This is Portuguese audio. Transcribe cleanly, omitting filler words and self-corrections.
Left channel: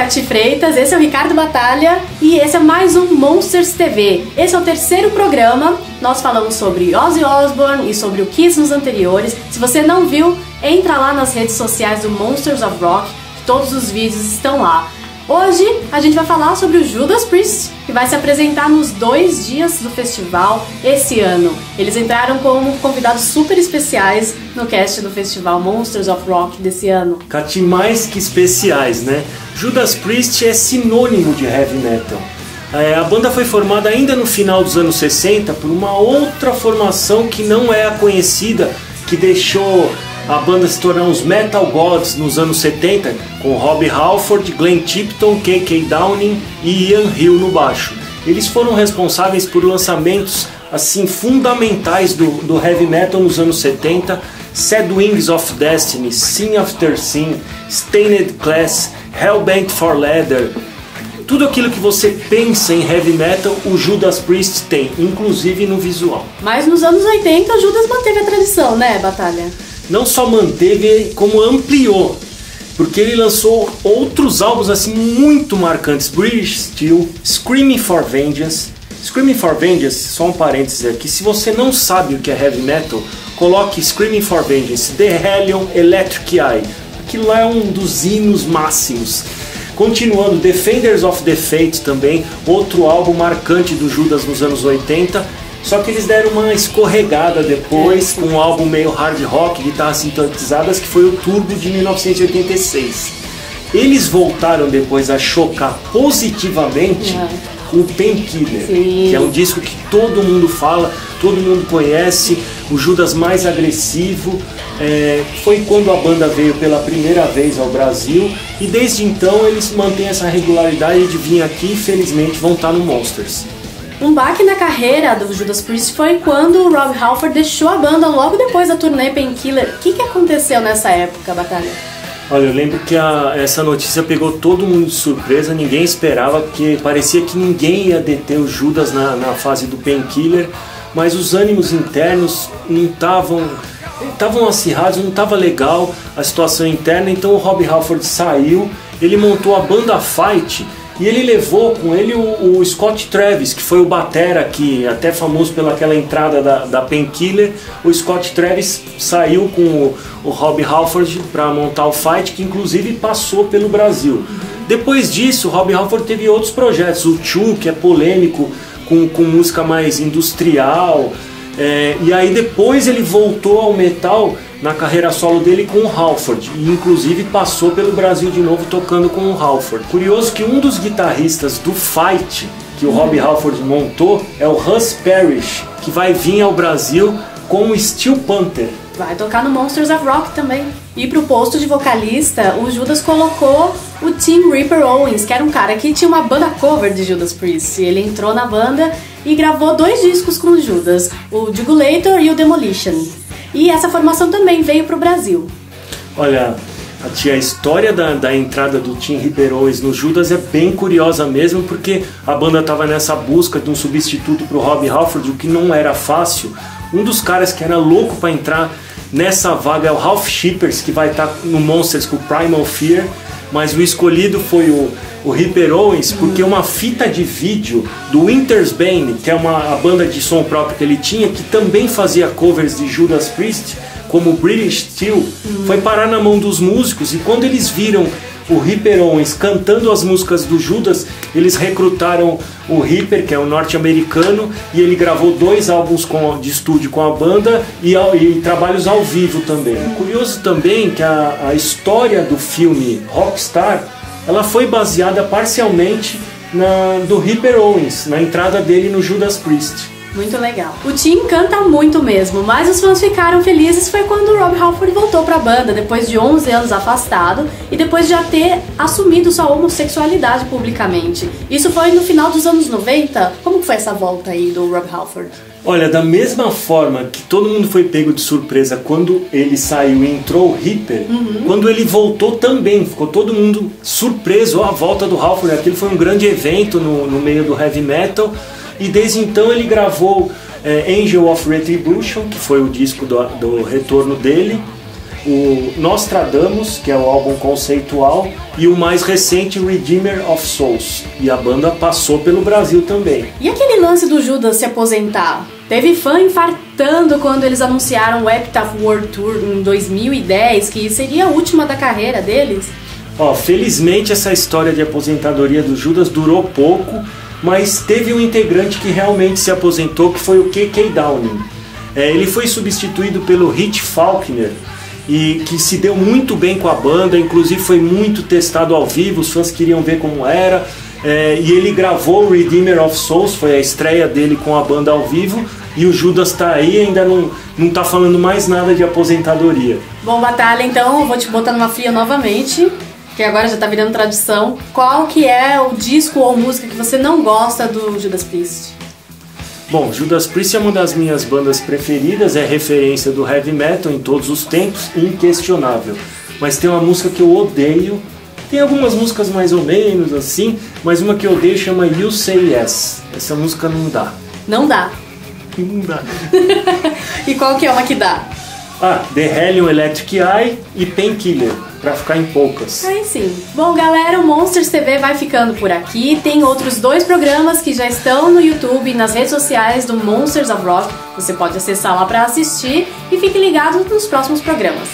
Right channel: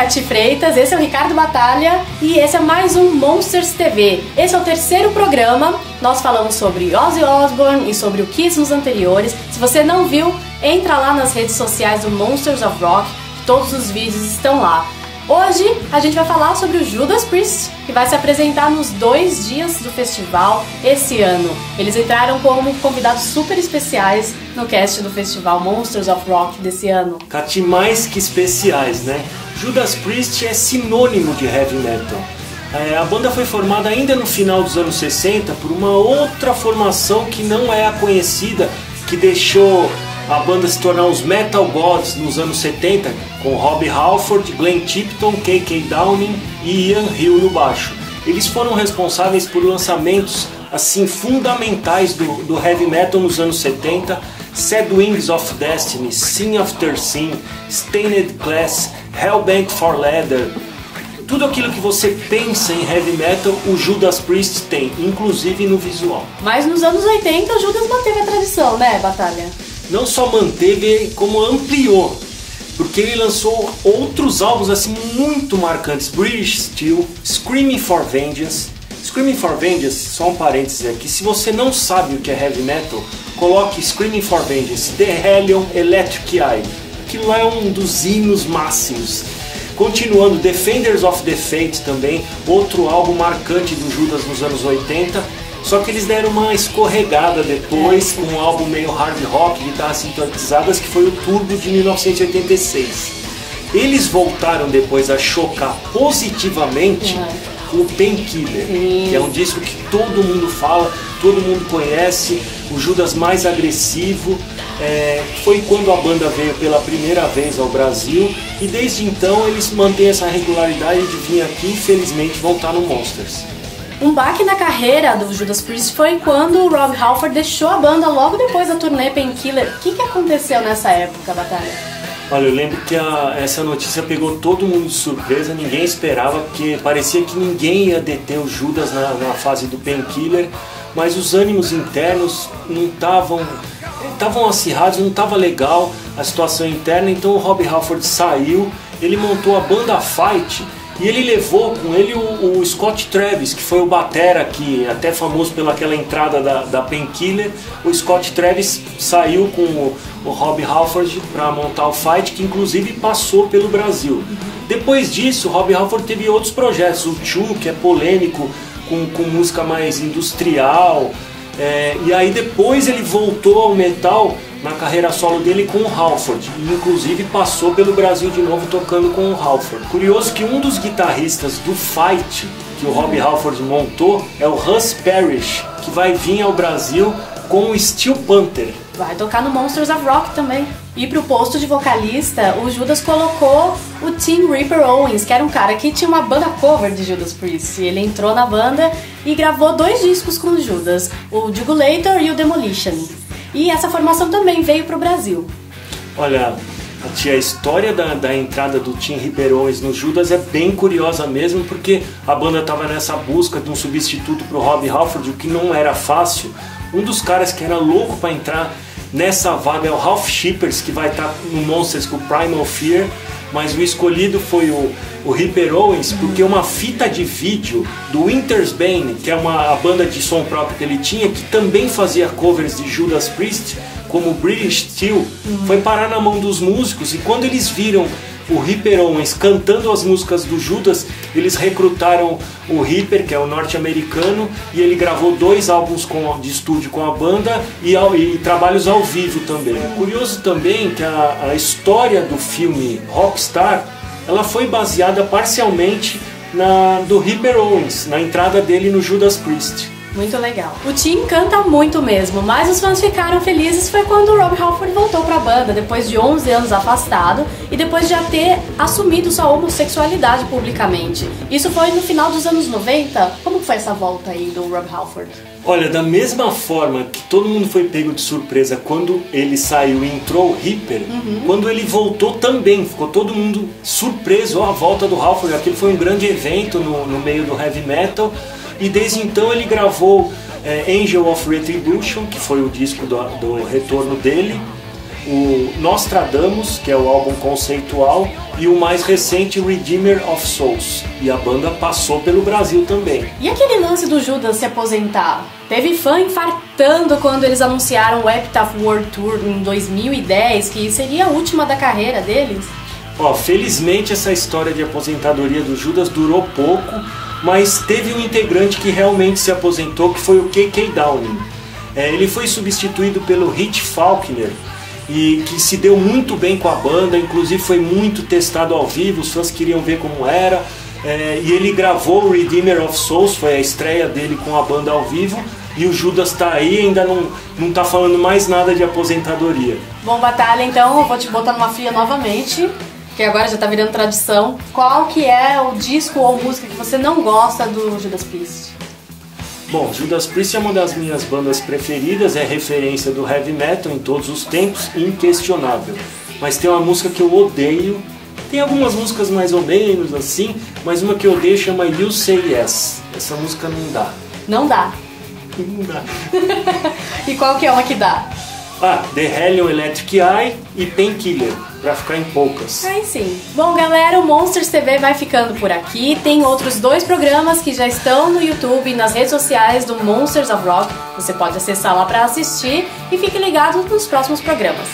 Cati Freitas, esse é o Ricardo Batalha e esse é mais um Monsters TV. Esse é o terceiro programa, nós falamos sobre Ozzy Osbourne e sobre o Kiss nos anteriores. Se você não viu, entra lá nas redes sociais do Monsters of Rock, todos os vídeos estão lá. Hoje a gente vai falar sobre o Judas Priest, que vai se apresentar nos 2 dias do festival esse ano. Eles entraram como convidados super especiais no cast do festival Monsters of Rock desse ano. Cati, mais que especiais, né? Judas Priest é sinônimo de heavy metal. A banda foi formada ainda no final dos anos 60 por uma outra formação que não é a conhecida, que deixou a banda se tornar os Metal Gods nos anos 70, com Rob Halford, Glenn Tipton, K.K. Downing e Ian Hill no baixo. Eles foram responsáveis por lançamentos assim fundamentais do heavy metal nos anos 70, Sad Wings of Destiny, Sin After Sin, Stained Class, Hellbent for Leather. Tudo aquilo que você pensa em heavy metal, o Judas Priest tem, inclusive no visual. Mas nos anos 80 o Judas manteve a tradição, né, Batalha? Não só manteve, como ampliou, porque ele lançou outros álbuns assim muito marcantes. British Steel, Screaming for Vengeance. Screaming for Vengeance, só um parênteses aqui, se você não sabe o que é heavy metal, coloque Screaming for Vengeance, The Hellion Electric Eye. Aquilo lá é um dos hinos máximos. Continuando, Defenders of the Faith também, outro álbum marcante do Judas nos anos 80. Só que eles deram uma escorregada depois, um álbum meio hard rock, guitarras sintetizadas, que foi o Turbo de 1986. Eles voltaram depois a chocar positivamente com o Painkiller, que é um disco que todo mundo fala, todo mundo conhece, o Judas mais agressivo. Foi quando a banda veio pela primeira vez ao Brasil e desde então eles mantêm essa regularidade de vir aqui e infelizmente vão estar no Monsters. Um baque na carreira do Judas Priest foi quando o Rob Halford deixou a banda logo depois da turnê Painkiller. O que aconteceu nessa época, Batalha? Olha, eu lembro que essa notícia pegou todo mundo de surpresa, ninguém esperava, porque parecia que ninguém ia deter o Judas na fase do Painkiller, mas os ânimos internos não estavam acirrados, não estava legal a situação interna, então o Rob Halford saiu, ele montou a banda Fight. E ele levou com ele o Scott Travis, que foi o batera, que até famoso pelaquela entrada da Painkiller. O Scott Travis saiu com o Rob Halford para montar o Fight, que inclusive passou pelo Brasil. Depois disso, o Rob Halford teve outros projetos. O Chu, que é polêmico, com música mais industrial. E aí depois ele voltou ao metal na carreira solo dele com o Halford, e inclusive passou pelo Brasil de novo tocando com o Halford. Curioso que um dos guitarristas do Fight que o Rob Halford montou é o Russ Parrish, que vai vir ao Brasil com o Steel Panther. Vai tocar no Monsters of Rock também. E pro posto de vocalista, o Judas colocou o Tim Ripper Owens, que era um cara que tinha uma banda cover de Judas Priest. Ele entrou na banda e gravou 2 discos com o Judas, o Jugulator e o Demolition. E essa formação também veio pro Brasil. Olha, a história da entrada do Tim Ripper Owens no Judas é bem curiosa mesmo, porque a banda estava nessa busca de um substituto pro Rob Halford, o que não era fácil. Um dos caras que era louco para entrar nessa vaga é o Ralph Shippers, que vai estar no Monsters com o Primal Fear, mas o escolhido foi o Ripper Owens, porque uma fita de vídeo do Winter's Bane, que é a banda de som próprio que ele tinha, que também fazia covers de Judas Priest, como British Steel, foi parar na mão dos músicos, e quando eles viram o Ripper Owens cantando as músicas do Judas, eles recrutaram o Ripper, que é um norte-americano, e ele gravou 2 álbuns de estúdio com a banda e trabalhos ao vivo também. Curioso também que a história do filme Rockstar, ela foi baseada parcialmente do Ripper Owens, na entrada dele no Judas Priest. Muito legal. O Tim canta muito mesmo, mas os fãs ficaram felizes foi quando o Rob Halford voltou pra banda, depois de 11 anos afastado e depois de já ter assumido sua homossexualidade publicamente. Isso foi no final dos anos 90? Como foi essa volta aí do Rob Halford? Olha, da mesma forma que todo mundo foi pego de surpresa quando ele saiu e entrou o Ripper, quando ele voltou também, ficou todo mundo surpreso à volta do Halford. Aquele foi um grande evento no meio do heavy metal. E desde então ele gravou Angel of Retribution, que foi o disco do retorno dele, o Nostradamus, que é o álbum conceitual, e o mais recente, Redeemer of Souls. E a banda passou pelo Brasil também. E aquele lance do Judas se aposentar? Teve fã infartando quando eles anunciaram o Epitaph World Tour em 2010, que seria a última da carreira deles. Felizmente essa história de aposentadoria do Judas durou pouco, mas teve um integrante que realmente se aposentou, que foi o KK Downing. Ele foi substituído pelo Rich Faulkner, e que se deu muito bem com a banda, inclusive foi muito testado ao vivo, os fãs queriam ver como era, e ele gravou o Redeemer of Souls, foi a estreia dele com a banda ao vivo, e o Judas tá aí e ainda não tá falando mais nada de aposentadoria. Bom, Batalha, então eu vou te botar numa fria novamente, que agora já tá virando tradição. Qual que é o disco ou música que você não gosta do Judas Priest? Bom, Judas Priest é uma das minhas bandas preferidas, é referência do heavy metal em todos os tempos, inquestionável. Mas tem uma música que eu odeio, tem algumas músicas mais ou menos assim, mas uma que eu odeio chama You Say Yes. Essa música não dá. Não dá. Não dá. E qual que é uma que dá? The Hellion Electric Eye e Painkiller, pra ficar em poucas. Aí sim. Bom, galera, o Monsters TV vai ficando por aqui. Tem outros 2 programas que já estão no YouTube e nas redes sociais do Monsters of Rock. Você pode acessar lá pra assistir e fique ligado nos próximos programas.